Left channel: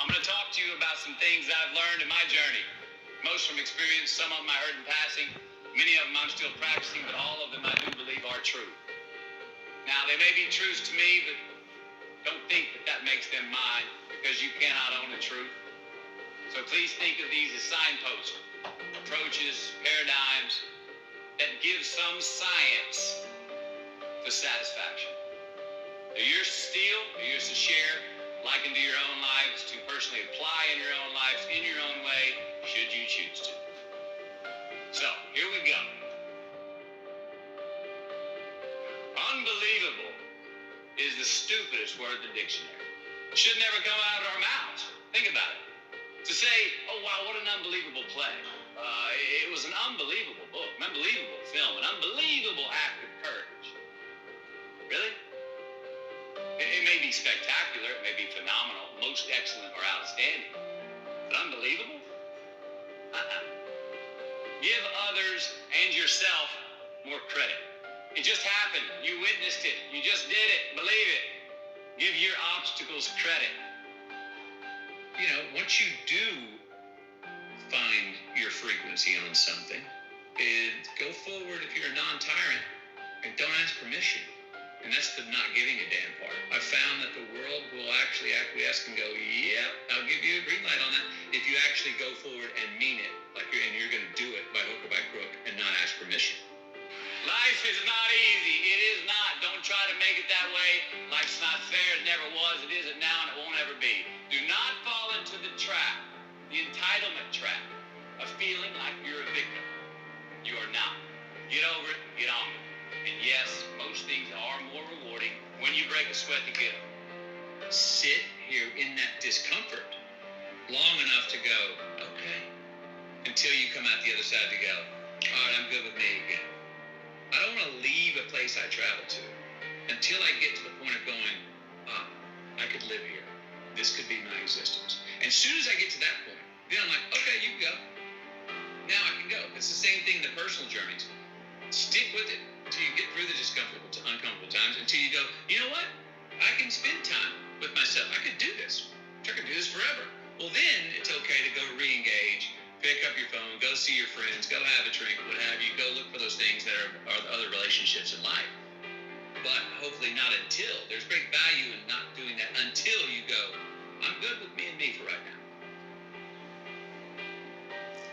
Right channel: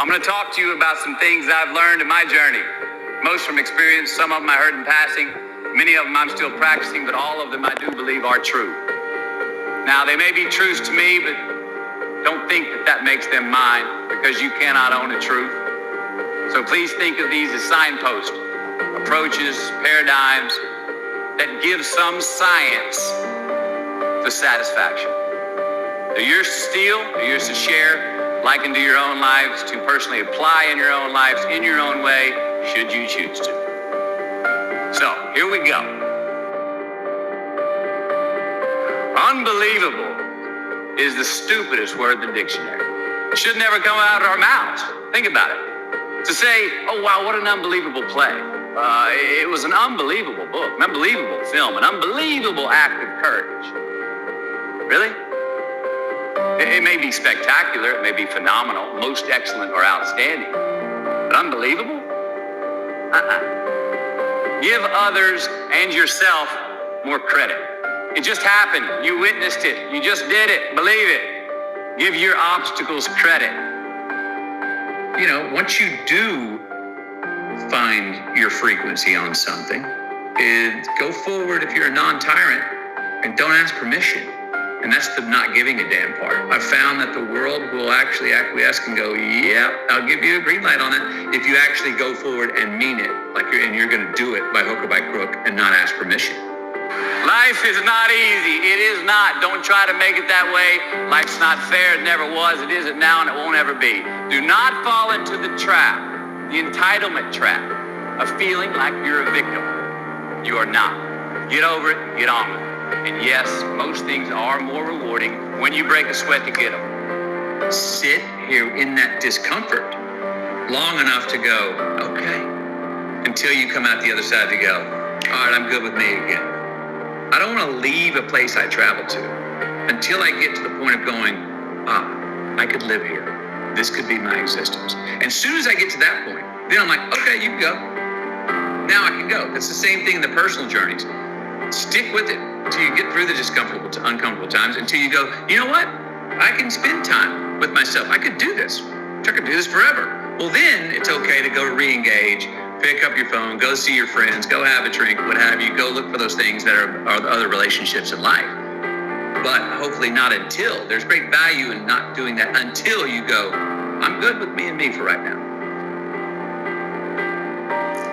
I'm going to talk to you about some things I've learned in my journey. Most from experience, some of them I heard in passing, many of them I'm still practicing, but all of them I do believe are true. Now, they may be truths to me, but don't think that that makes them mine, because you cannot own a truth. So please think of these as signposts, approaches, paradigms that give some science to satisfaction. They're yours to steal, they're yours to share, liken to your own lives, to personally apply in your own lives, in your own way, should you choose to. So, here we go. Unbelievable is the stupidest word in the dictionary. It should never come out of our mouths. Think about it. To say, oh wow, what an unbelievable play. It was an unbelievable book, an unbelievable film, an unbelievable act of courage. Really? It may be spectacular, it may be phenomenal, most excellent or outstanding, but unbelievable? Give others and yourself more credit. It just happened. You witnessed it. You just did it. Believe it. Give your obstacles credit. You know, once you do find your frequency on something, go forward if you're a non-tyrant and don't ask permission. And that's the not giving a damn part. I've found that the world will actually acquiesce and go, yeah, I'll give you a green light on it if you actually go forward and mean it, and you're going to do it by hook or by crook and not ask permission. Life is not easy. It is not. Don't try to make it that way. Life's not fair. It never was. It isn't now, and it won't ever be. Do not fall into the trap, the entitlement trap, of feeling like you're a victim. You are not. Get over it. Get on with it. And yes, most things are more rewarding when you break a sweat to get them. Sit here in that discomfort long enough to go, okay, until you come out the other side to go, all right, I'm good with me again. I don't want to leave a place I travel to until I get to the point of going, I could live here. This could be my existence. And as soon as I get to that point, then I'm like, okay, you can go. Now I can go. That's the same thing in the personal journeys. Stick with it until you get through the uncomfortable times, until you go, you know what? I can spend time with myself. I could do this. I could do this forever. Well, then it's okay to go re-engage, pick up your phone, go see your friends, go have a drink, what have you. Go look for those things that are other relationships in life. But hopefully not until. There's great value in not doing that until you go, I'm good with me and me for right now.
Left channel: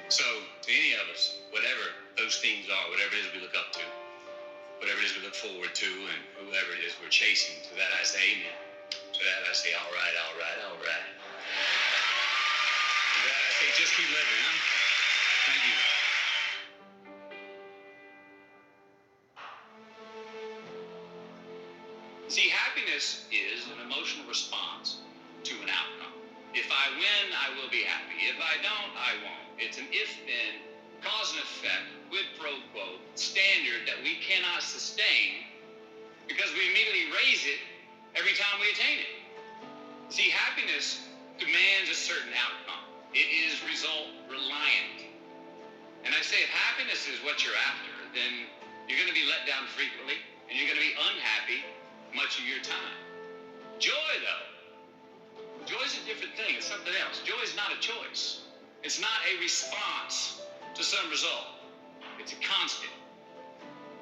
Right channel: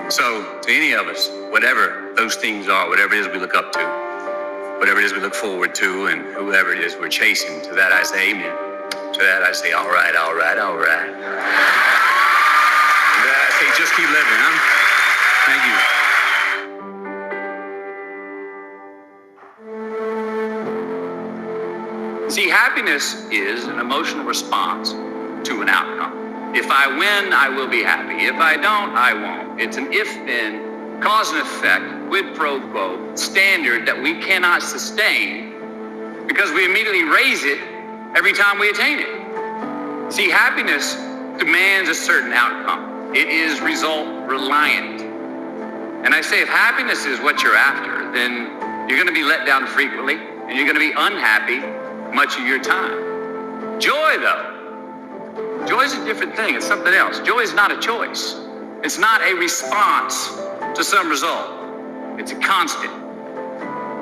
So, to any of us, whatever those things are, whatever it is we look up to, whatever it is we look forward to, and whoever it is we're chasing, to that I say amen. To that I say, all right, all right, all right. To that I say, just keep living, huh? Thank you. See, happiness is an emotional response to an outcome. If I win, I will be happy. If I don't, I won't. It's an if-then, cause and effect, quid pro quo, standard that we cannot sustain because we immediately raise it every time we attain it. See, happiness demands a certain outcome. It is result reliant. And I say, if happiness is what you're after, then you're going to be let down frequently, and you're going to be unhappy much of your time. Joy, though, joy is a different thing. It's something else. Joy is not a choice. It's not a response to some result. It's a constant.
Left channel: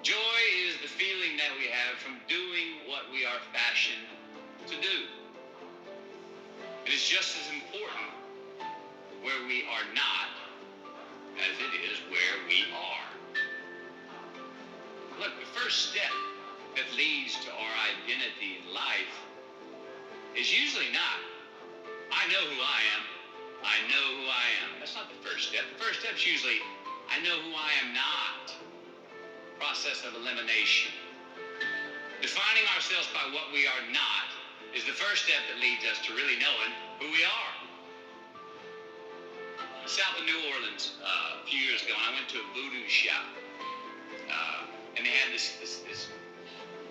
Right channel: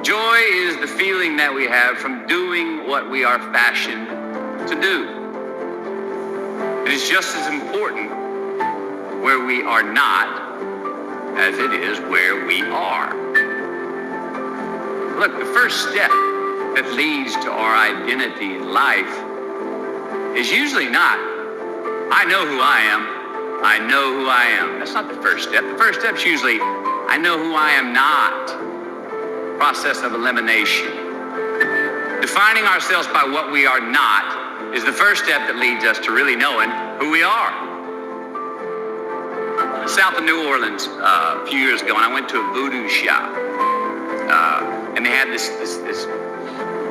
Joy is the feeling that we have from doing what we are fashioned to do. It is just as important where we are not as it is where we are. Look, the first step that leads to our identity in life is usually not, I know who I am. I know who I am. That's not the first step. The first step's usually, I know who I am not. Process of elimination. Defining ourselves by what we are not is the first step that leads us to really knowing who we are. South of New Orleans a few years ago, and I went to a voodoo shop, and they had this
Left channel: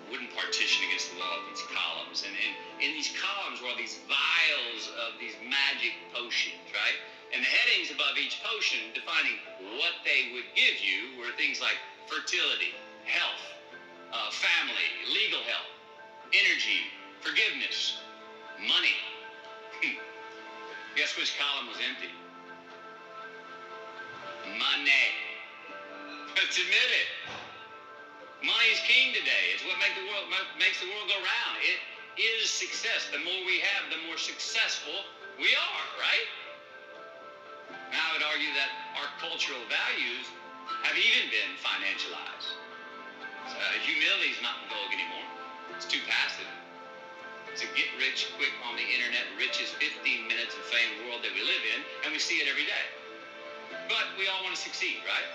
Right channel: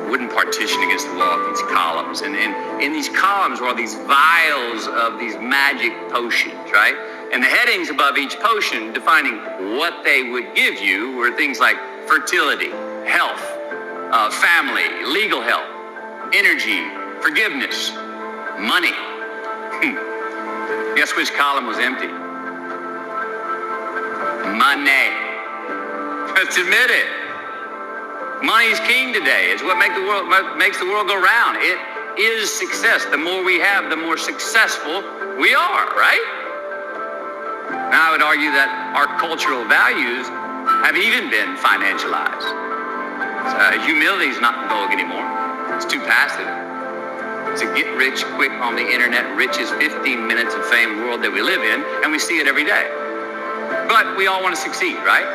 wooden partition against the wall, these columns, and in these columns were all these vials of these magic potions, right? And the headings above each potion defining what they would give you were things like fertility, health, family, legal help, energy, forgiveness, money. Guess which column was empty? Money. Let's admit it. Money is king today. It's what makes the world go round. It is success. The more we have, the more successful we are, right? Now, I would argue that our cultural values have even been financialized. Humility is not the vogue anymore. It's too passive. It's a get rich quick on the internet, rich is 15 minutes of fame world that we live in, and we see it every day. But we all want to succeed, right?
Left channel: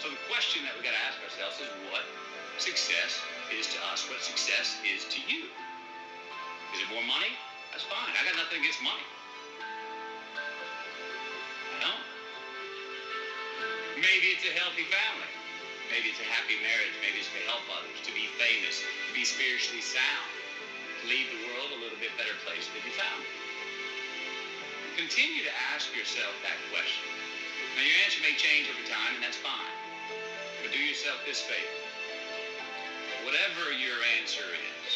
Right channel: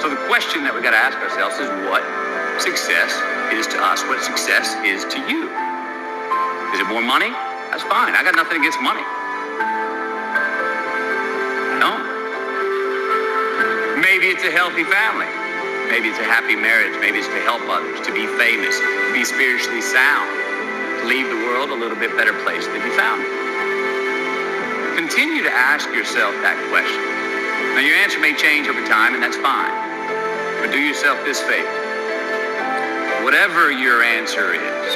So the question that we got to ask ourselves is what success is to us, what success is to you. Is it more money? That's fine. I got nothing against money. No. Maybe it's a healthy family. Maybe it's a happy marriage. Maybe it's to help others, to be famous, to be spiritually sound, to leave the world a little bit better place than you found it. Continue to ask yourself that question. Now, your answer may change over time, and that's fine. But do yourself this favor. Whatever your answer is,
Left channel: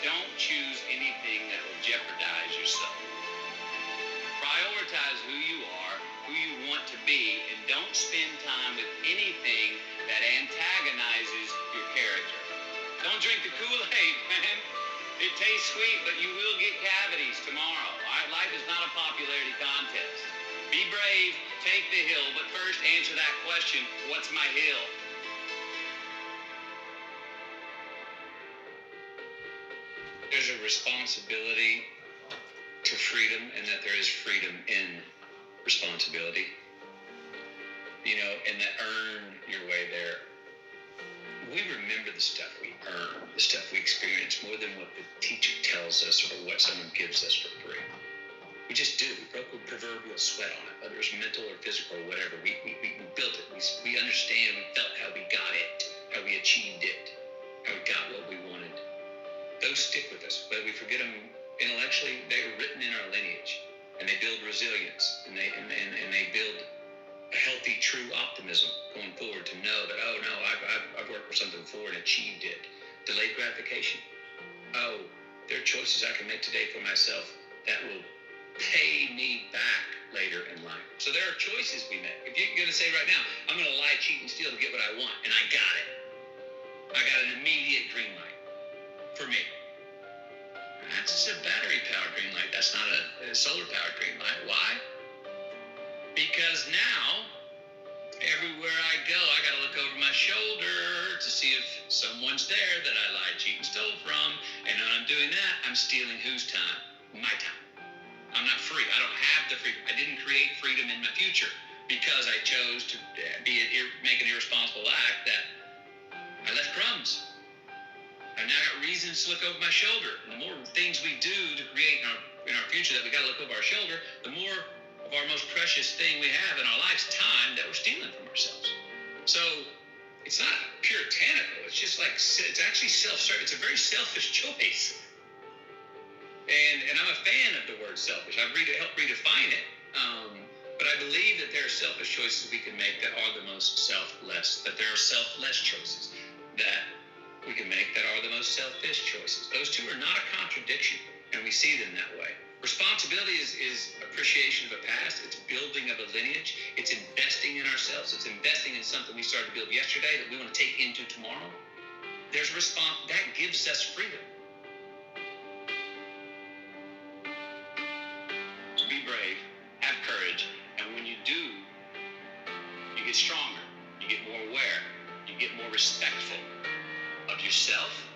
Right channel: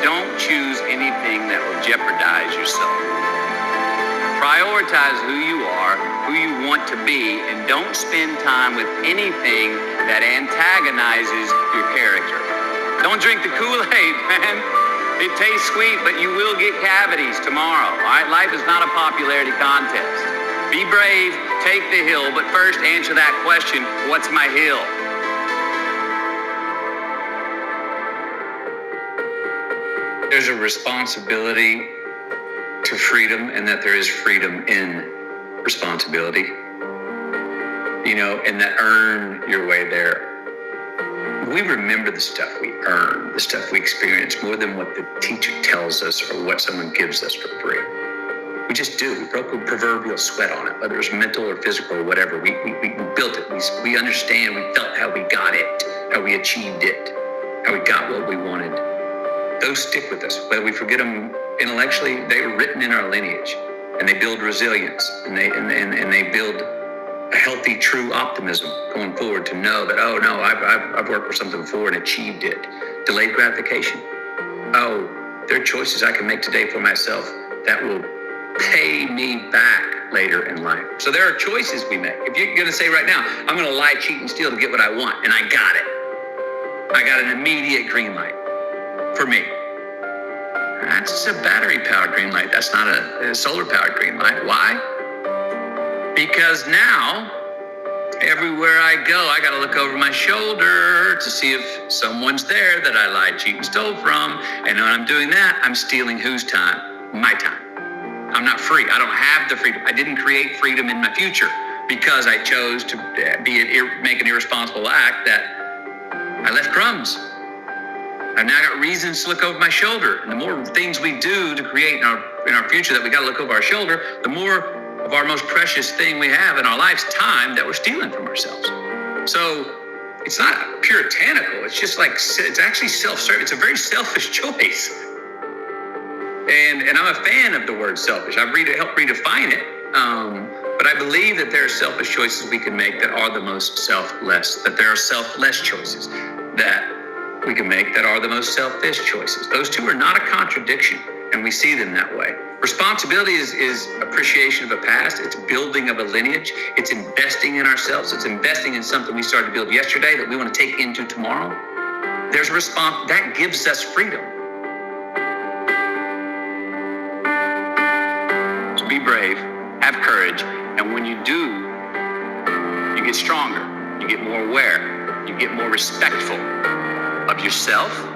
don't choose anything that will jeopardize your soul. Prioritize who you are, who you want to be, and don't spend time with anything that antagonizes your character. Don't drink the Kool-Aid, man. It tastes sweet, but you will get cavities tomorrow. All right? Life is not a popularity contest. Be brave, take the hill, but first answer that question, what's my hill? There's a responsibility to freedom, and that there is freedom in responsibility. You know, and that earn your way there. We remember the stuff we earn, the stuff we experience, more than what the teacher tells us or what someone gives us for free. We just do. We broke a proverbial sweat on it, whether it's mental or physical or whatever. We built it. We understand. We felt how we got it, how we achieved it, how we got what we wanted. Those stick with us. Whether we forget them intellectually, they were written in our lineage, and they build resilience, and they build a healthy, true optimism going forward to know that, oh no, I've worked for something before and achieved it. Delayed gratification. Oh, there are choices I can make today for myself that will pay me back later in life. So there are choices we make. If you're going to say right now, I'm going to lie, cheat, and steal to get what I want, and I got it. I got an immediate green light for me. That's a battery-powered green light. That's not a solar-powered green light. Why? Because now, everywhere I go, I got to look over my shoulder to see if someone's there that I lied, cheat, and stole from. And when I'm doing that, I'm stealing whose time? My time. I'm not free. I don't have the freedom. I didn't create freedom in my future because I chose to make an irresponsible act that I left crumbs. I've now got reasons to look over my shoulder. And the more things we do to create in our future that we got to look over our shoulder, the more of our most precious thing we have in our life's time that we're stealing from ourselves. So it's not puritanical. It's just like, it's actually self-serving. It's a very selfish choice. And I'm a fan of the word selfish. I've helped redefine it. But I believe that there are selfish choices we can make that are the most selfless, that there are selfless choices that we can make that are the most selfish choices. Those two are not a contradiction, and we see them that way. Responsibility is appreciation of a past. It's building of a lineage. It's investing in ourselves. It's investing in something we started to build yesterday that we want to take into tomorrow. There's a response that gives us freedom. So be brave, have courage, and when you do, you get stronger, you get more aware, you get more respectful of yourself